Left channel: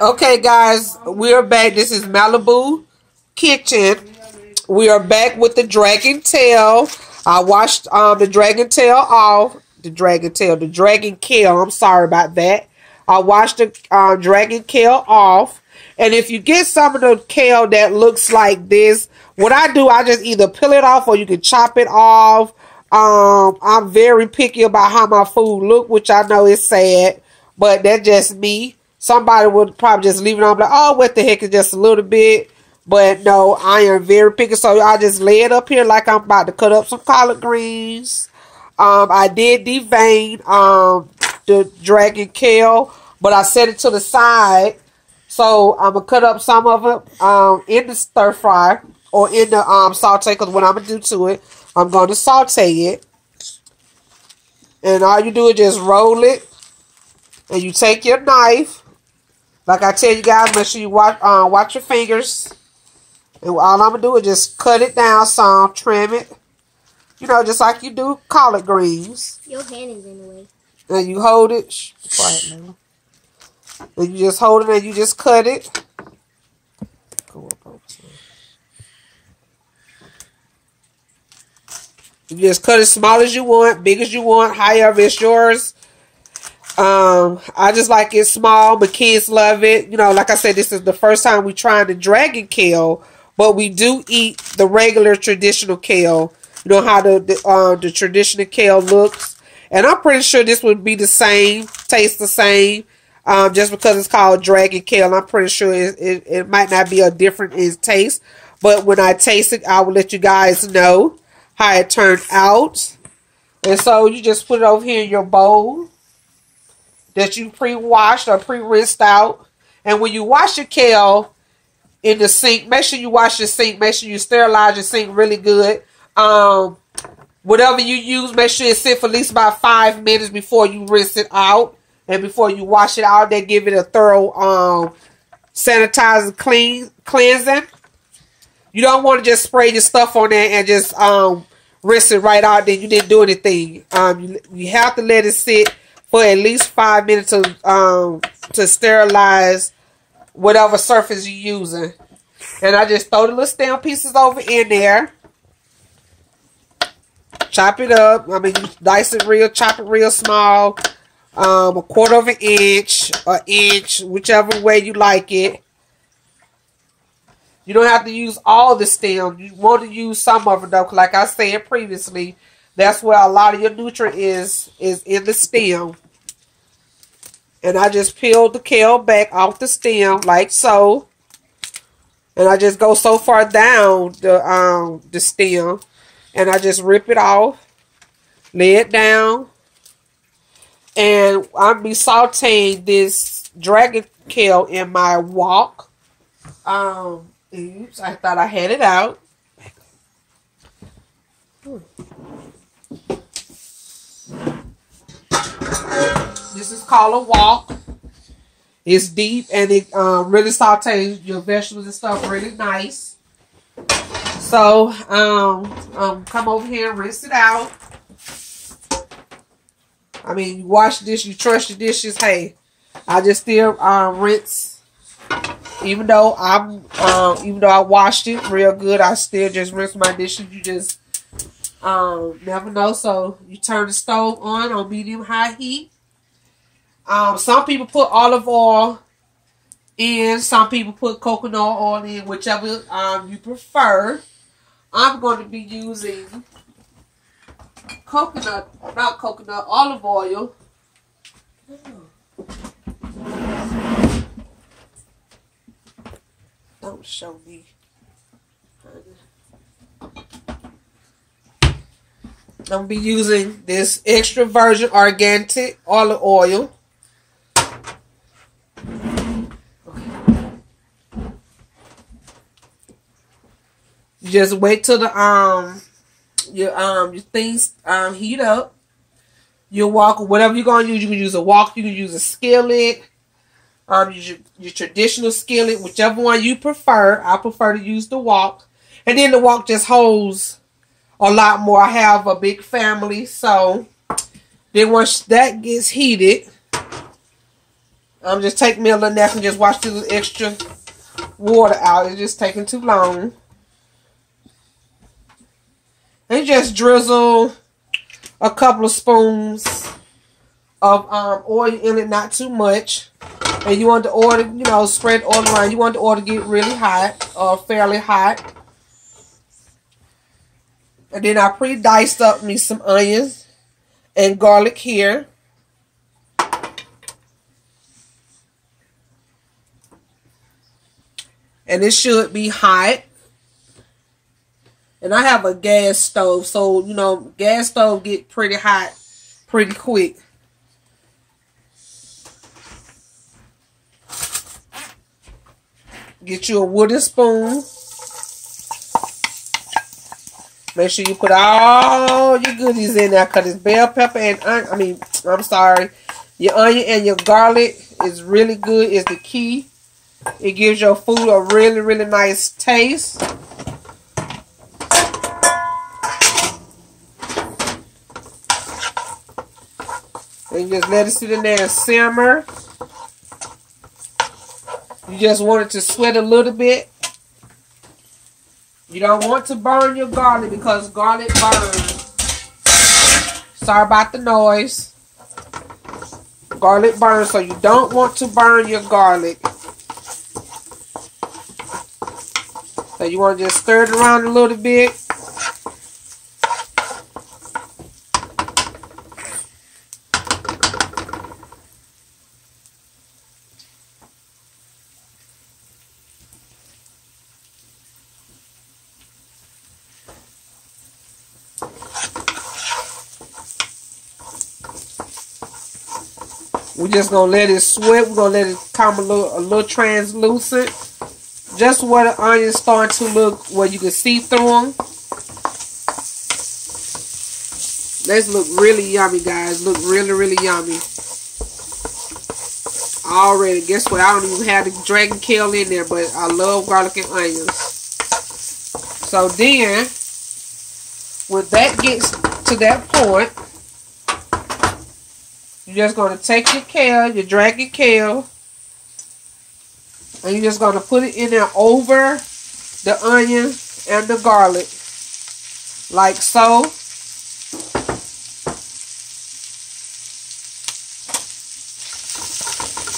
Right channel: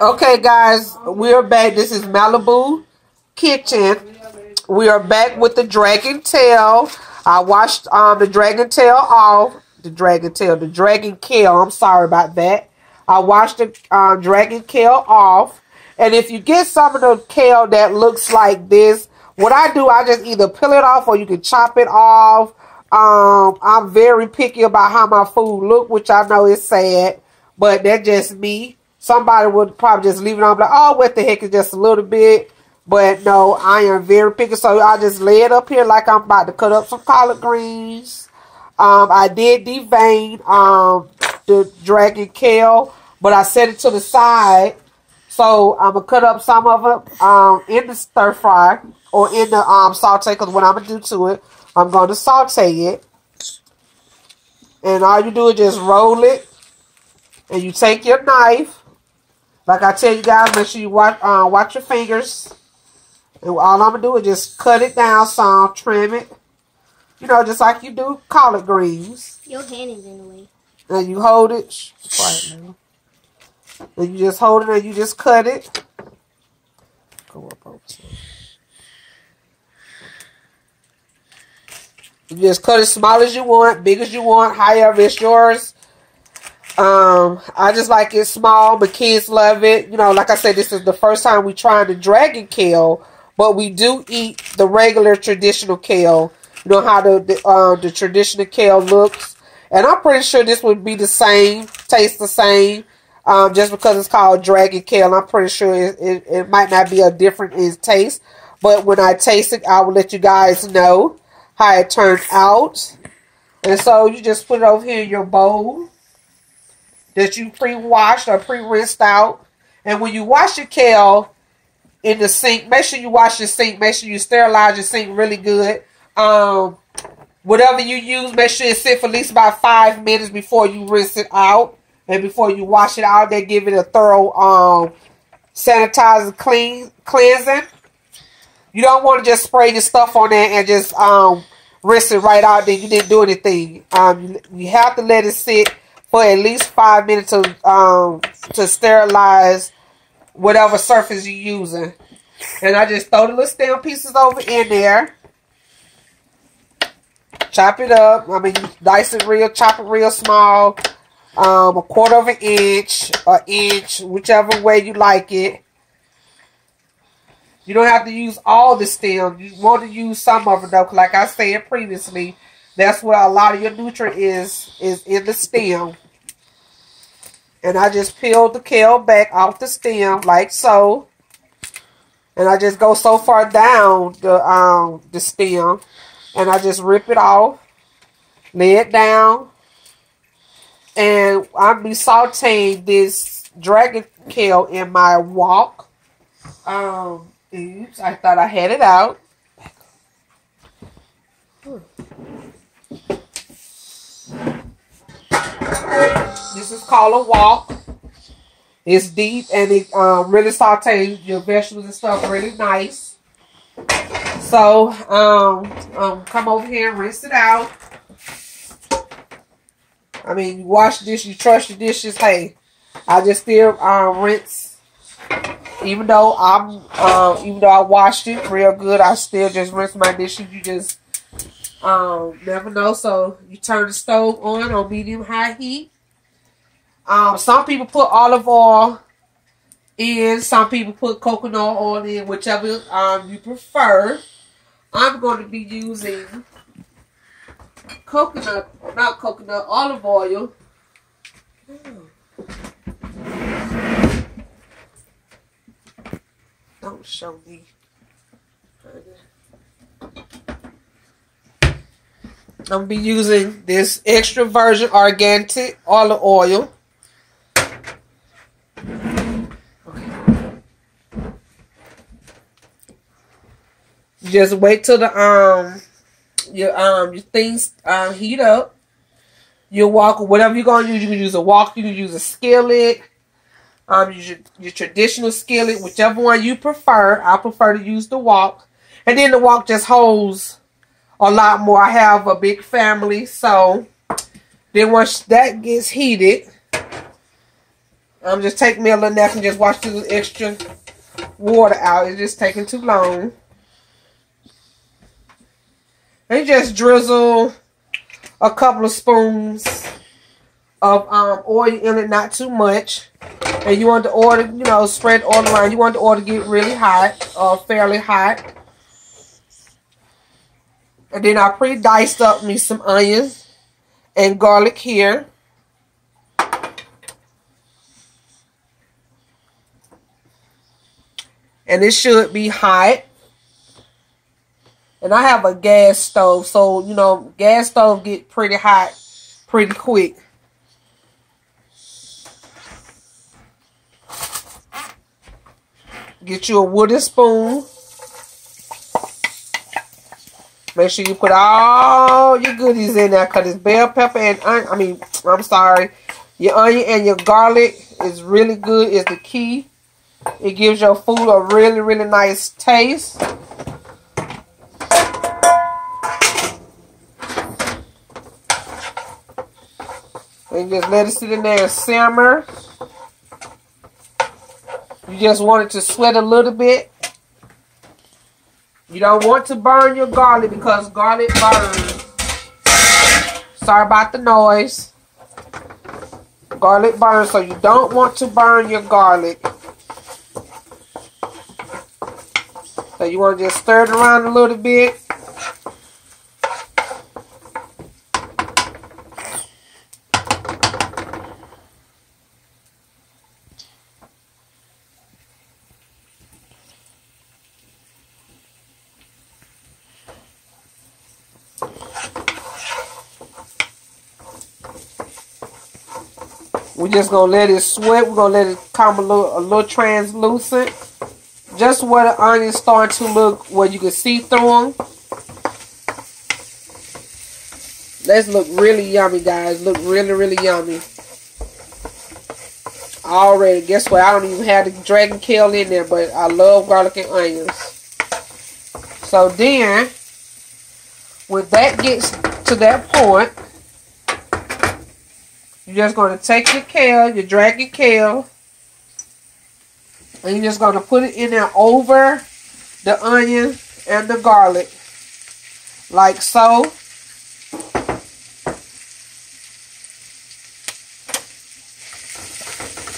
Okay, guys, we are back. This is Malibu Kitchen. We are back with the dragon tail. I washed the dragon tail off. The dragon kale. I'm sorry about that. I washed the dragon kale off. And if you get some of the kale that looks like this, what I do, I just either peel it off or you can chop it off. I'm very picky about how my food look, which I know is sad, but that's just me. Somebody would probably just leave it on, like, oh, what the heck, is just a little bit. But no, I am very picky, so I just lay it up here like I'm about to cut up some collard greens. I did devein the dragon kale, but I set it to the side. So I'm going to cut up some of it in the stir fry or in the saute, because what I'm going to do to it, I'm going to saute it. And all you do is just roll it. And you take your knife. Like I tell you guys, make sure you watch your fingers. And all I'm going to do is just cut it down some, trim it. You know, just like you do collard greens. Your hand is in the way. And you hold it. Quiet, man. And you just hold it and you just cut it. Go up over some. You just cut as small as you want, big as you want, however it's yours. I just like it small, but kids love it. You know, like I said, this is the first time we trying the dragon kale, but we do eat the regular traditional kale. You know how the traditional kale looks. And I'm pretty sure this would be the same, taste the same. Just because it's called dragon kale, I'm pretty sure it might not be a different in taste. But when I taste it, I will let you guys know how it turned out. And so you just put it over here in your bowl that you pre-washed or pre-rinsed out. And when you wash your kale in the sink, make sure you wash your sink. Make sure you sterilize your sink really good. Whatever you use, make sure it sit for at least about 5 minutes before you rinse it out. And before you wash it out, they give it a thorough sanitizer cleansing. You don't want to just spray your stuff on there and just rinse it right out. Then you didn't do anything. You have to let it sit for at least 5 minutes to sterilize whatever surface you're using. And I just throw the little stem pieces over in there. Chop it up. I mean, dice it real, chop it real small. A 1/4 of an inch, an inch, whichever way you like it. You don't have to use all the stem. You want to use some of it though, 'cause like I said previously, that's where a lot of your nutrient is in the stem. And I just peel the kale back off the stem like so. And I just go so far down the stem, and I just rip it off, lay it down. And I'll be sauteing this dragon kale in my wok. Oops, I thought I had it out. This is called a wok. It's deep and it really sautees your vegetables and stuff really nice. So, come over here and rinse it out. I mean, you wash the dish, you trust your dishes. Hey, I just still rinse. Even though I washed it real good, I still just rinse my dishes. You just never know. So you turn the stove on medium high heat. Some people put olive oil in. Some people put coconut oil in, whichever you prefer. I'm going to be using olive oil. Don't show me. I'm going to be using this extra virgin organic olive oil. Okay. Just wait till the your things heat up. Your wok, whatever you're gonna use, you can use a wok, you can use a skillet, use your traditional skillet, whichever one you prefer. I prefer to use the wok, and then the wok just holds a lot more. I have a big family, so then once that gets heated, I'm just taking me a little nap and just wash the extra water out. It's just taking too long. And just drizzle a couple of spoons of oil in it, not too much. And you want the oil to, you know, spread oil around. You want the oil to get really hot, or fairly hot. And then I pre-diced up me some onions and garlic here. And it should be hot. And I have a gas stove, so, you know, gas stove get pretty hot pretty quick. Get you a wooden spoon. Make sure you put all your goodies in there, because it's bell pepper and your onion and your garlic is really good. It's the key. It gives your food a really, really nice taste. And just let it sit in there and simmer. You just want it to sweat a little bit. You don't want to burn your garlic, because garlic burns. Sorry about the noise. Garlic burns, so you don't want to burn your garlic. So you want to just stir it around a little bit. We're just going to let it sweat. We're going to let it come a little translucent. Just where the onions start to look, where you can see through them. Let's look really yummy, guys. Look really, really yummy. Already, guess what? I don't even have the dragon kale in there, but I love garlic and onions. So then, when that gets to that point, you're just going to take your kale, your dragon kale, and you're just going to put it in there over the onion and the garlic, like so.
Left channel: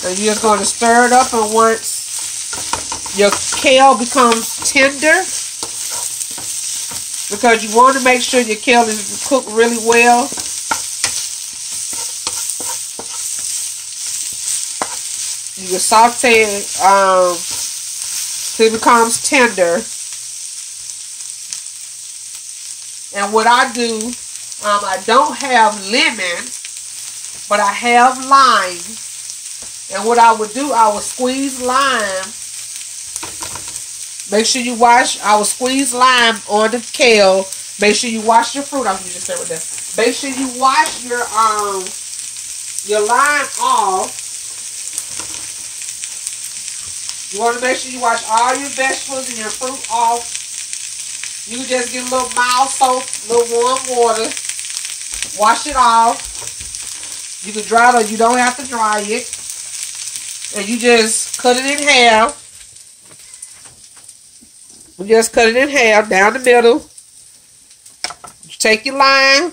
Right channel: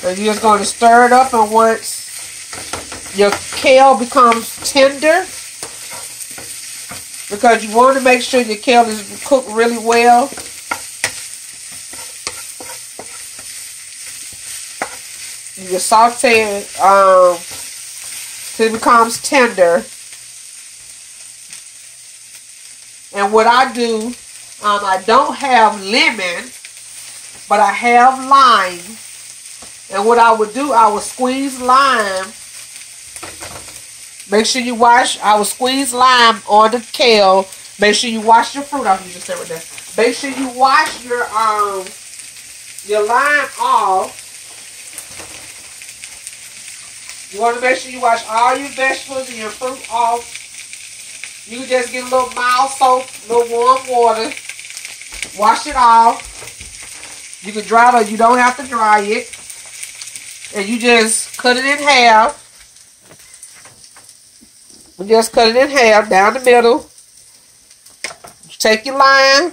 And you're just going to stir it up, and once your kale becomes tender, because you want to make sure your kale is cooked really well. You can saute it till it becomes tender. And what I do, I don't have lemon, but I have lime. And what I would do, I would squeeze lime. Make sure you wash. I would squeeze lime on the kale. Make sure you wash your fruit off. You just say right there. Make sure you wash your lime off. You want to make sure you wash all your vegetables and your fruit off. You can just get a little mild soap, a little warm water. Wash it off. You can dry it or you don't have to dry it. And you just cut it in half. You just cut it in half down the middle. You take your lime.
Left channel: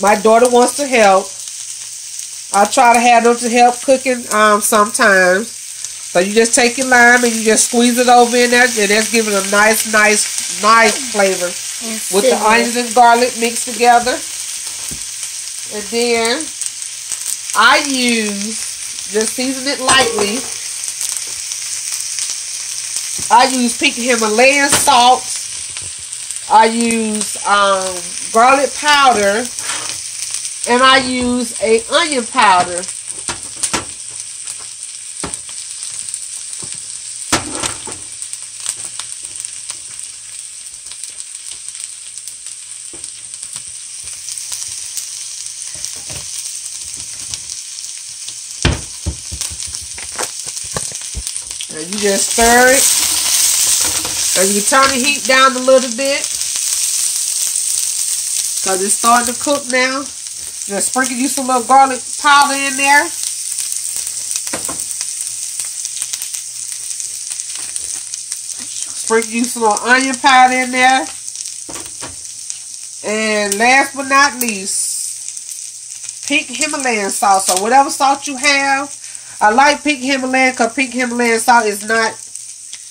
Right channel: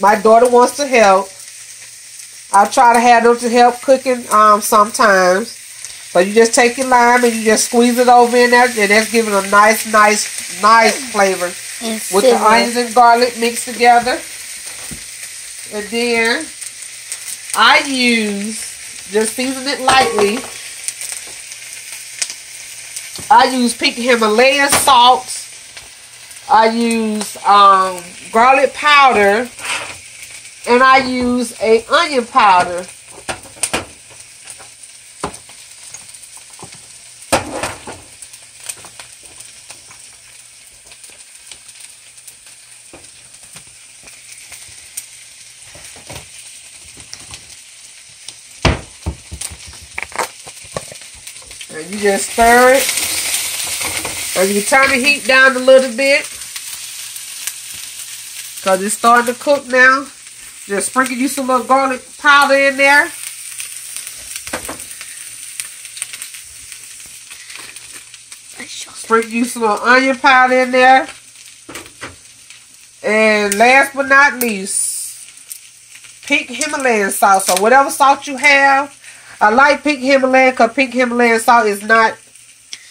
My daughter wants to help. I try to have them to help cooking sometimes. So you just take your lime and you just squeeze it over in there, and that's giving a nice flavor with the onions and garlic mixed together. And then I use, just season it lightly, I use pink Himalayan salt. I use garlic powder. And I use a onion powder. And you just stir it. And you turn the heat down a little bit, because it's starting to cook now. Just sprinkle you some little garlic powder in there. Sprinkle you some little onion powder in there. And last but not least, pink Himalayan salt. So whatever salt you have. I like pink Himalayan because pink Himalayan salt is not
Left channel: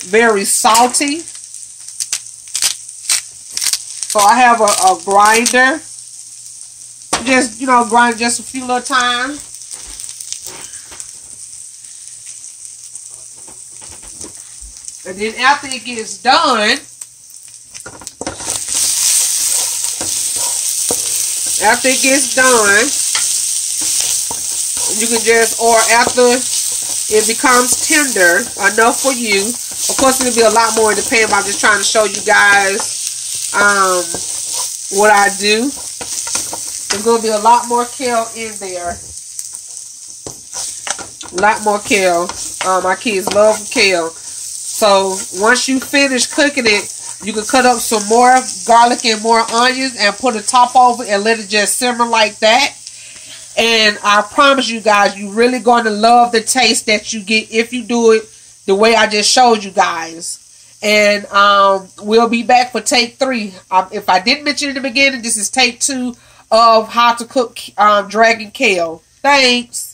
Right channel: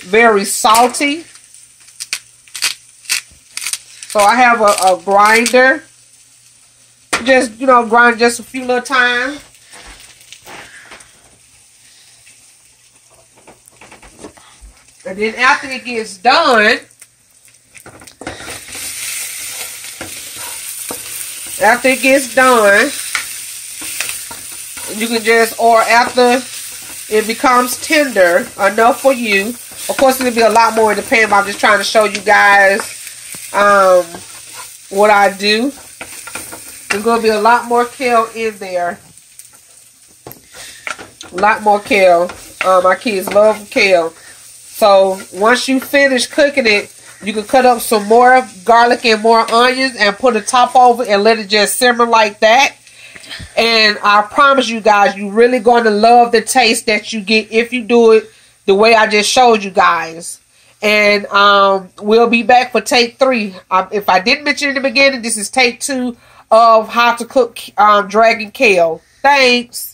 very salty. So I have a grinder. Just, you know, grind just a few little times. And then after it gets done, you can just, or after it becomes tender enough for you. Of course, it'll be a lot more in the pan, but I'm just trying to show you guys what I do. There's going to be a lot more kale in there. A lot more kale. My kids love kale. So once you finish cooking it, you can cut up some more garlic and more onions and put a top over and let it just simmer like that. And I promise you guys, you're really going to love the taste that you get if you do it the way I just showed you guys. And we'll be back for take 3. If I didn't mention in the beginning, this is take 2 of how to cook dragon kale. Thanks.